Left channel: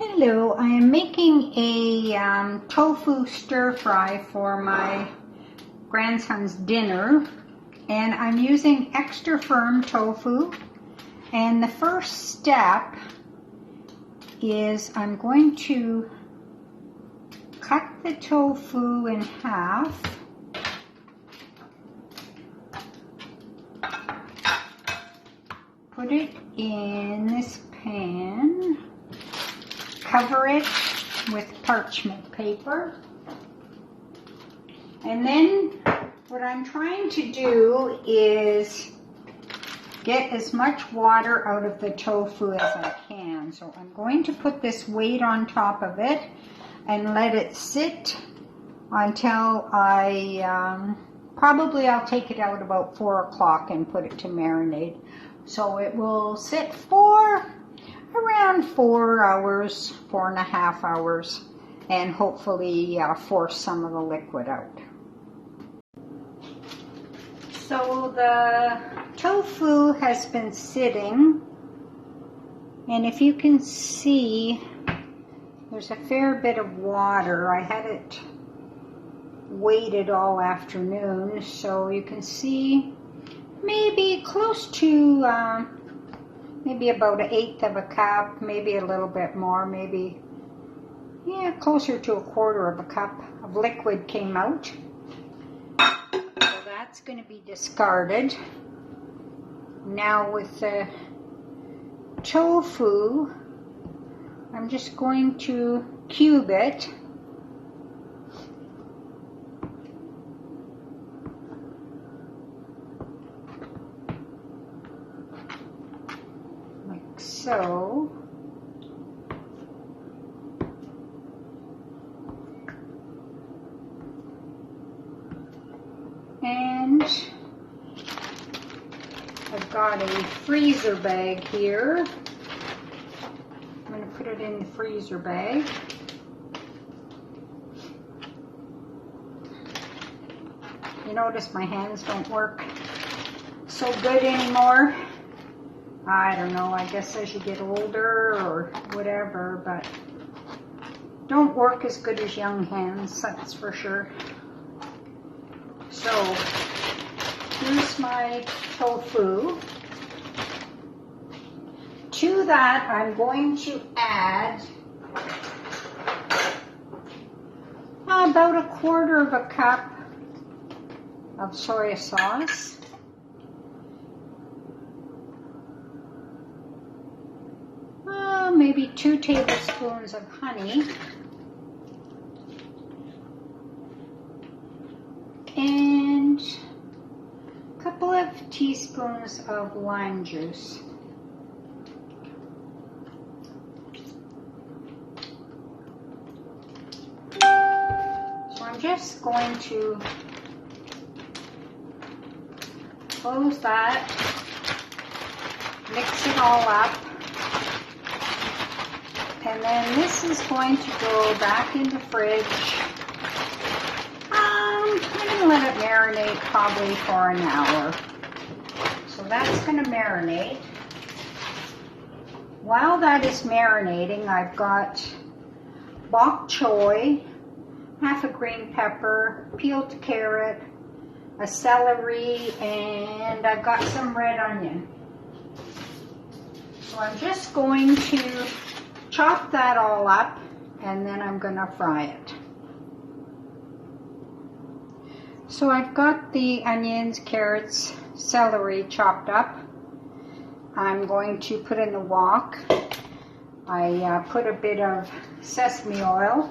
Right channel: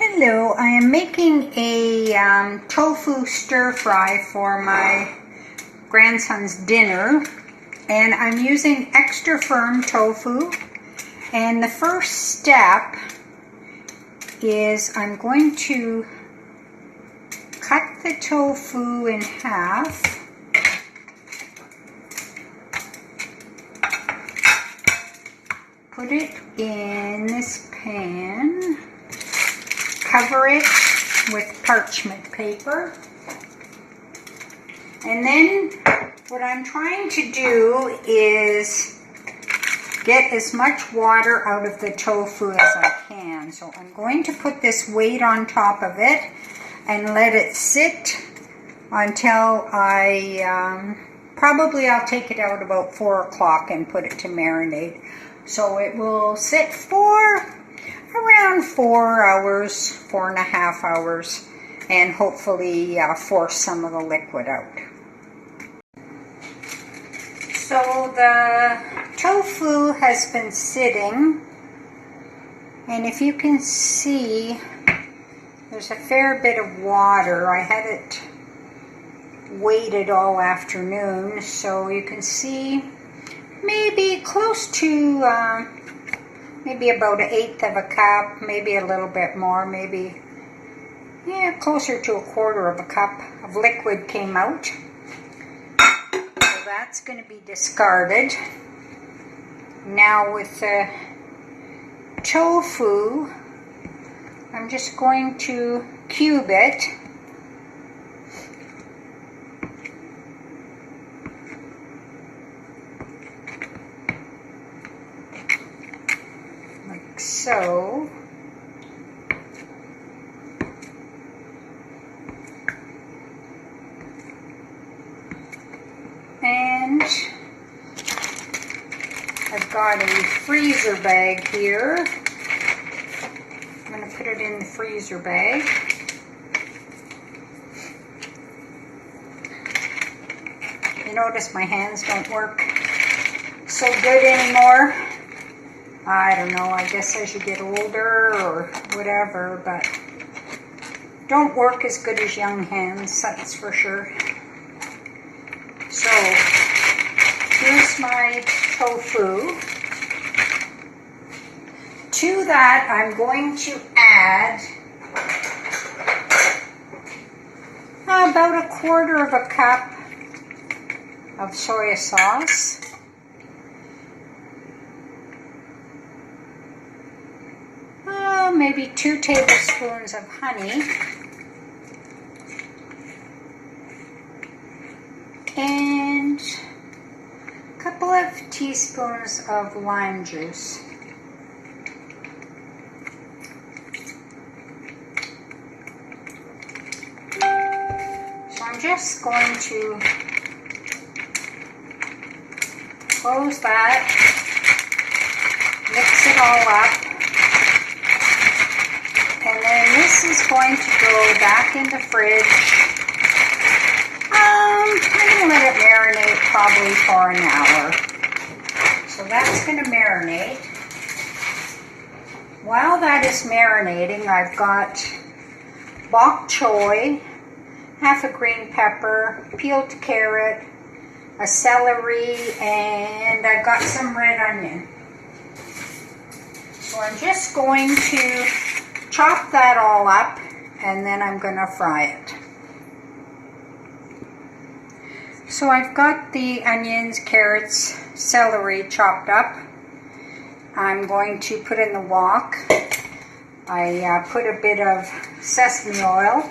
Hello, I am making a tofu stir fry for my grandson's dinner, and I'm using extra firm tofu. And the first step is I'm going to cut the tofu in half. Put it in this pan. Cover it with parchment paper. And then what I'm trying to do is get as much water out of the tofu as I can. So I'm going to put this weight on top of it and let it sit until probably I'll take it out about 4 o'clock and put it to marinate. So it will sit for around 4 hours, 4.5 hours, and hopefully force some of the liquid out. So the tofu has been sitting, and if you can see, there's a fair bit of water. I had it waited all afternoon, so you can see maybe close to maybe about 1/8 of a cup, maybe a little bit more, maybe, yeah, closer to 1/4 of a cup of liquid came out. So that's going to be discarded. Now with the tofu, I'm just going to cube it. So, and I've got a freezer bag here. I'm going to put it in the freezer bag. You notice my hands don't work so good anymore. I don't know, I guess as you get older or whatever, but don't work as good as young hands, that's for sure. So, here's my tofu. To that, I'm going to add about 1/4 of a cup of soy sauce. Maybe 2 tablespoons of honey, and a couple of teaspoons of lime juice. So I'm just going to close that, mix it all up. And then this is going to go back in the fridge. I'm going to let it marinate probably for an hour. So that's going to marinate. While that is marinating, I've got bok choy, half a green pepper, peeled carrot, a celery, and I've got some red onion. So I'm just going to chop that all up, and then I'm going to fry it. So I've got the onions, carrots, celery chopped up. I'm going to put in the wok. I put a bit of sesame oil.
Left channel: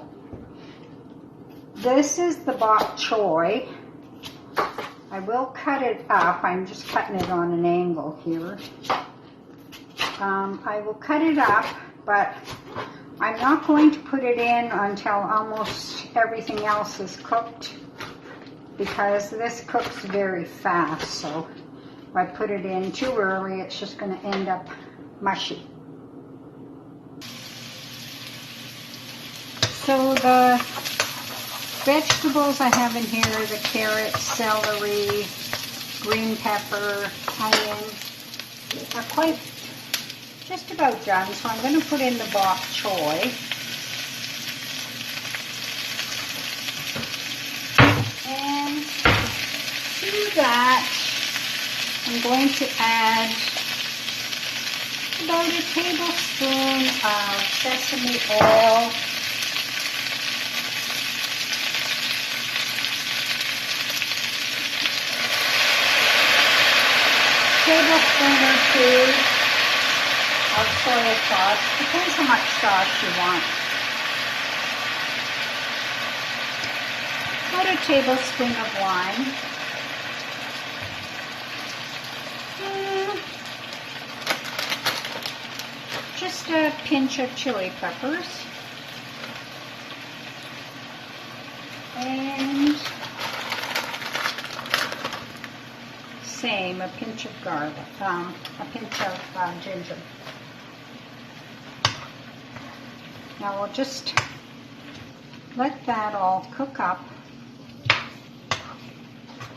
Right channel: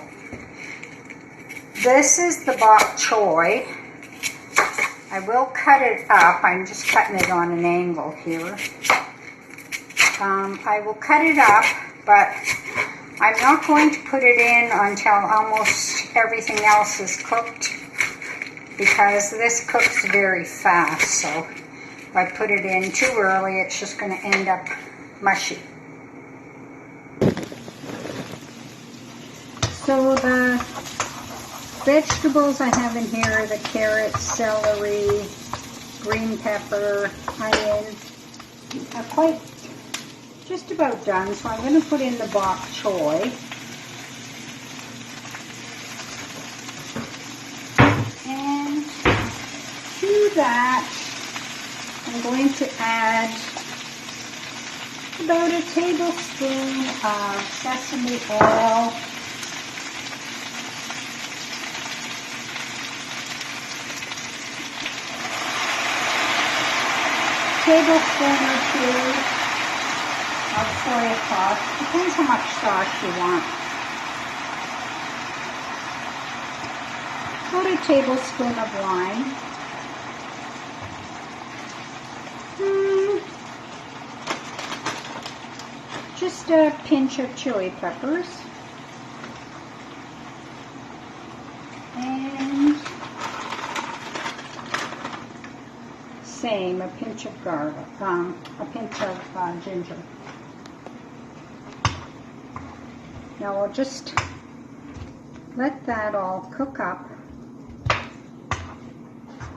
This is the bok choy. I will cut it up. I'm just cutting it on an angle here. I will cut it up, but I'm not going to put it in until almost everything else is cooked, because this cooks very fast. So if I put it in too early, it's just going to end up mushy. So the vegetables I have in here are the carrots, celery, green pepper, onion. Are quite just about done, so I'm going to put in the bok choy. And to that, I'm going to add about a tablespoon of sesame oil. Tablespoon or two of soy sauce. Depends how much sauce you want. About a tablespoon of wine. Just a pinch of chili peppers. And same, a pinch of garlic, a pinch of ginger. Now we'll just let that all cook up.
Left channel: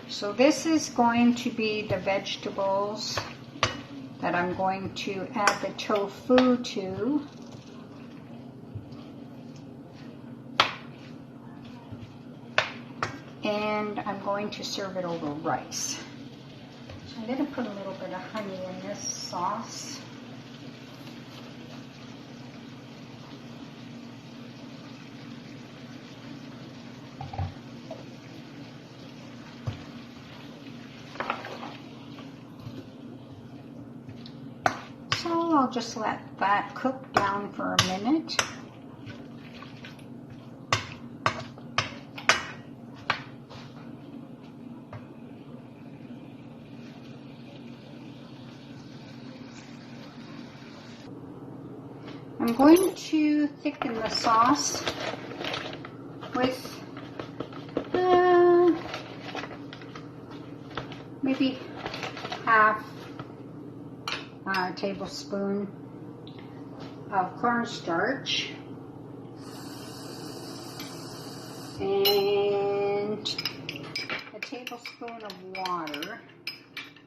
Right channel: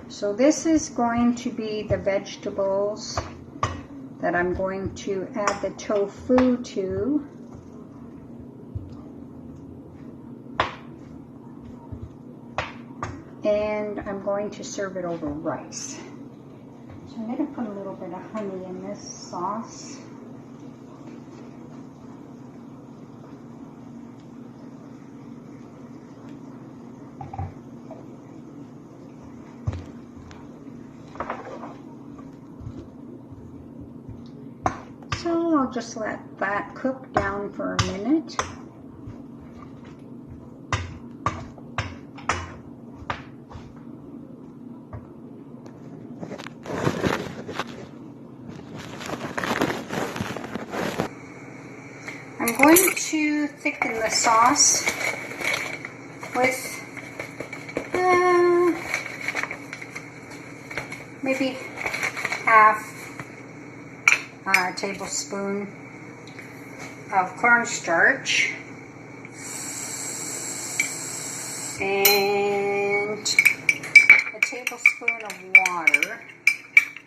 So this is going to be the vegetables that I'm going to add the tofu to. And I'm going to serve it over rice. So I'm going to put a little bit of honey in this sauce. So I'll just let that cook down for a minute. I'm going to thicken the sauce with maybe half a tablespoon of cornstarch and a tablespoon of water.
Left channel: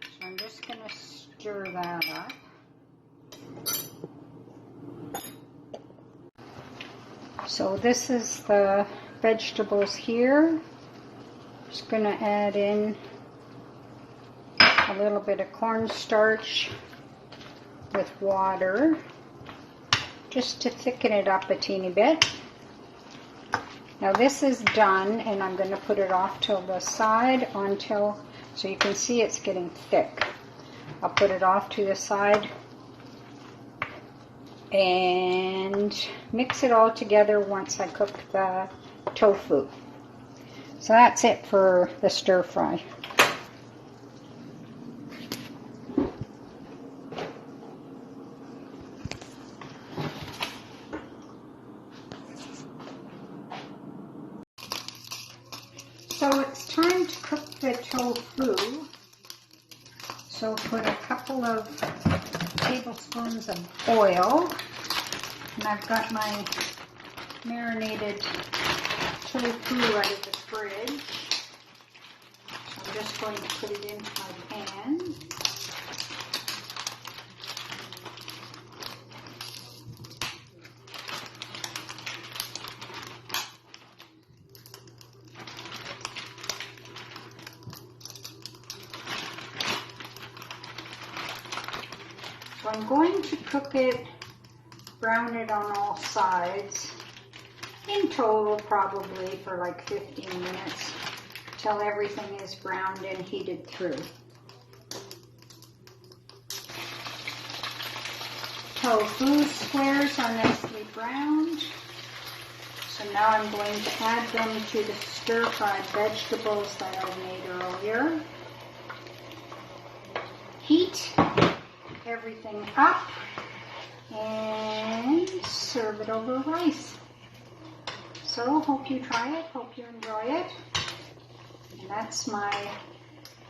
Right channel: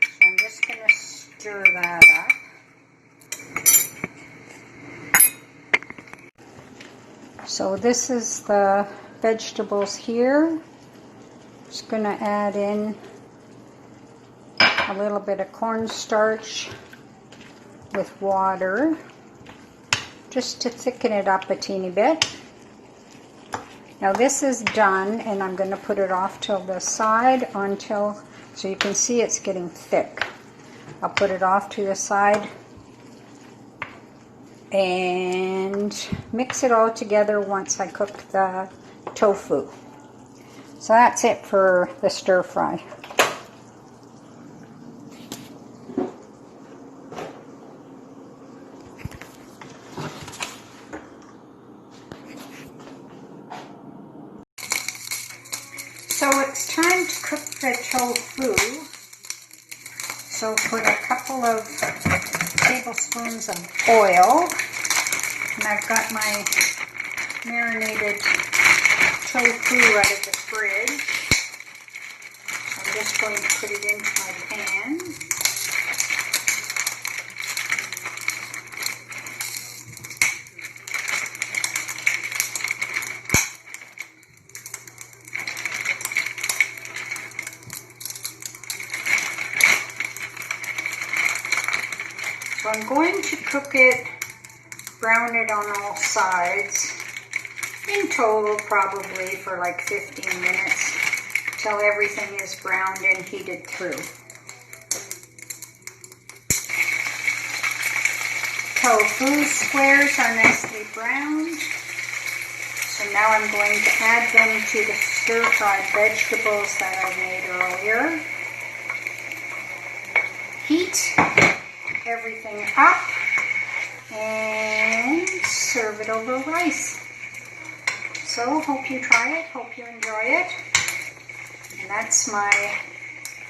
So I'm just going to stir that up. So this is the vegetables here. Just going to add in a little bit of cornstarch with water just to thicken it up a teeny bit. Now this is done, and I'm going to put it off to the side until, so you can see it's getting thick. I'll put it off to the side and mix it all together once I cook the tofu. So that's it for the stir fry. So it's time to cook the tofu. So put a couple of tablespoons of oil, and I've got my marinated tofu out of the fridge. So I'm just going to put it into my pan. So I'm going to cook it, brown it on all sides, in total probably for like 15 minutes, till everything is browned and heated through. Tofu squares are nicely browned, so now I'm going to add them to the stir-fried vegetables that I made earlier. Heat everything up and serve it over rice. So hope you try it, hope you enjoy it. And that's my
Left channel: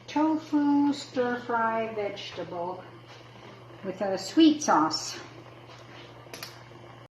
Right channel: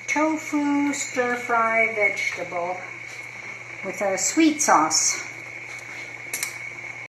tofu stir-fry vegetable with a sweet sauce.